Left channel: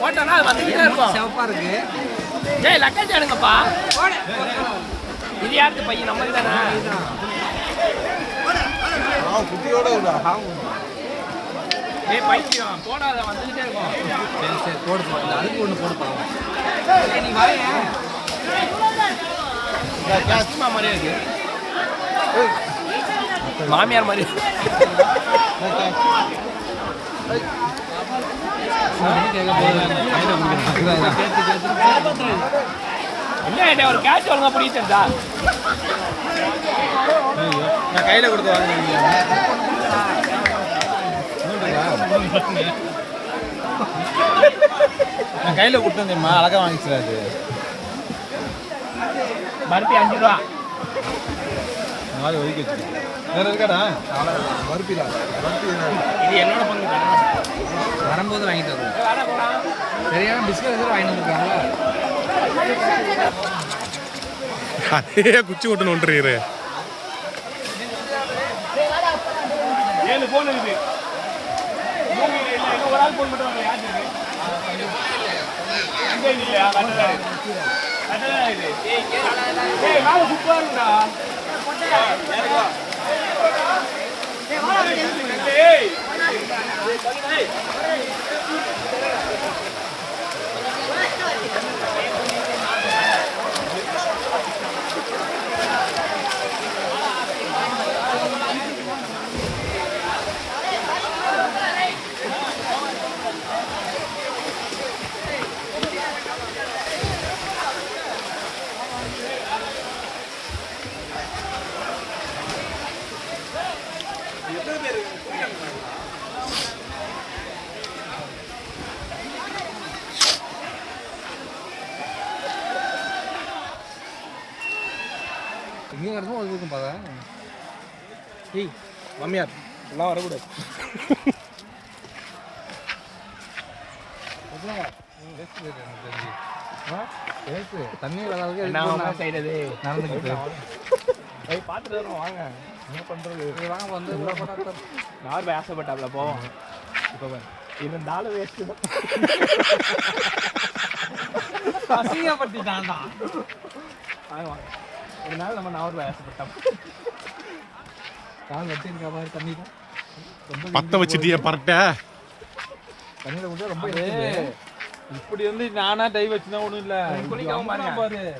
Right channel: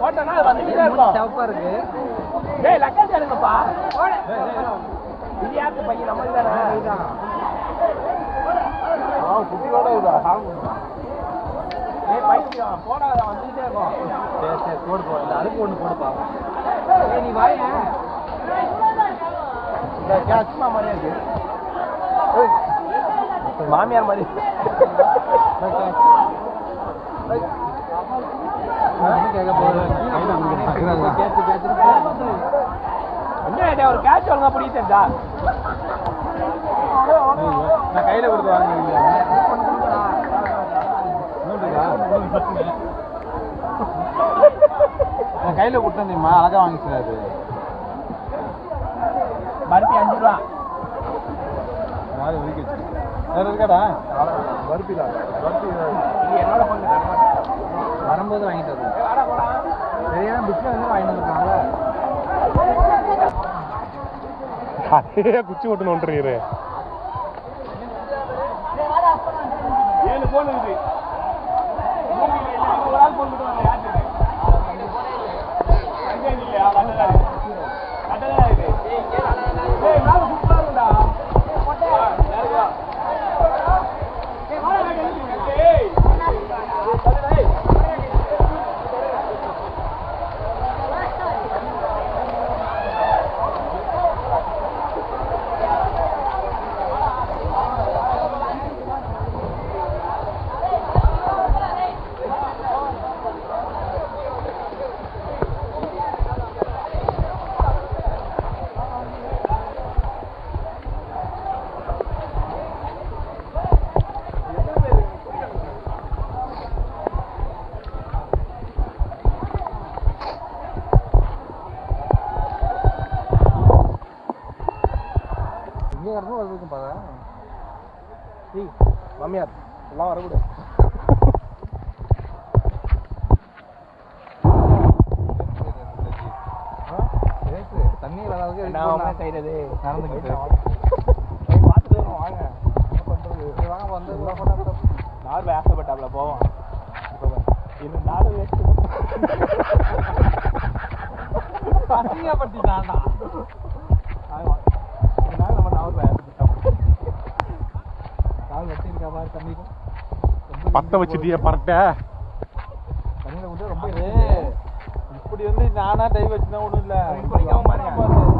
போட்டோன்னா அது வந்துக்கிட்டே இருக்கும். சிவப்பா இருக்கு. டேய் லக்கேஜ் எடுங்கப்பா. இது யாருக்கு பையன் நம்ம தானே? குட்டியோட டேய் பையன் போடாத வந்துக்கிட்டே இருக்கும். சரி சரி போடு போடு. அதுக்கு ஒன்று போடுப்பா. நீ வாங்க. கஷ்டமா மாதிரியே இருக்கு. மாமியார் மாதிரி. என்ன ஒரு கேட்ச் ஒழுங்கா பிடிச்சா நான் கையில கொடுத்து வாங்கினேன். நான் கையில கொடுத்து தெரியுமா அழகா வாங்கிச்சு. அது பருப்பி 5 ரூபா. நாலு ஒதுக்கி வச்சு வேற இருக்காடா பருப்பி தான். இது என்னோட பங்கு வரும்போது வாங்கிட்டு வருவோம். சரியான பிஸ்கட் வந்து வாங்கிட்டு வந்துருக்காங்களா? அதே குச்சி ஓட்டுன்னு ஒன்றுறீரு. 7 போன் இருக்கு. ஒரு ஆள் போன் மட்டும் யாரு இல்லையா? கட்டலா இது. ஏய் நான் சுத்தணும்டா. யாருடா? ஏய் ஏய் இங்கே வரணும் அது இருக்கும் பாக்க. ஏய் மாமியார் எல்லாம் வரக்கூடாது. தண்ணி வராதுக்கு என்ன செய்யறது? நடந்துக்கிட்டு போய் பார்த்துட்டு வரோம் வாங்க. என்ன பண்ணுறது? வாங்க வந்து உள்ள போட்டா நார்மல் ஆசைப்பட்டாப்ல போவோம். இப்போ இருந்தாலும் வேஸ்ட்டு. அசிங்கப்பட்டுட்டான்டா. ஒரு நாள் நம்ம நார்மல் ஆசைப்பட்டோம். கால் வச்சிருக்கா மாதிரி தண்ணி ரொம்ப பற்ற வச்சுட்டியே பரட்ட தண்ணியில் விட்டு ரொம்ப இப்படி வந்து நானா டை வச்சுதான் ஒன்றும் இல்லை. குளிக்கவும் பாருங்க.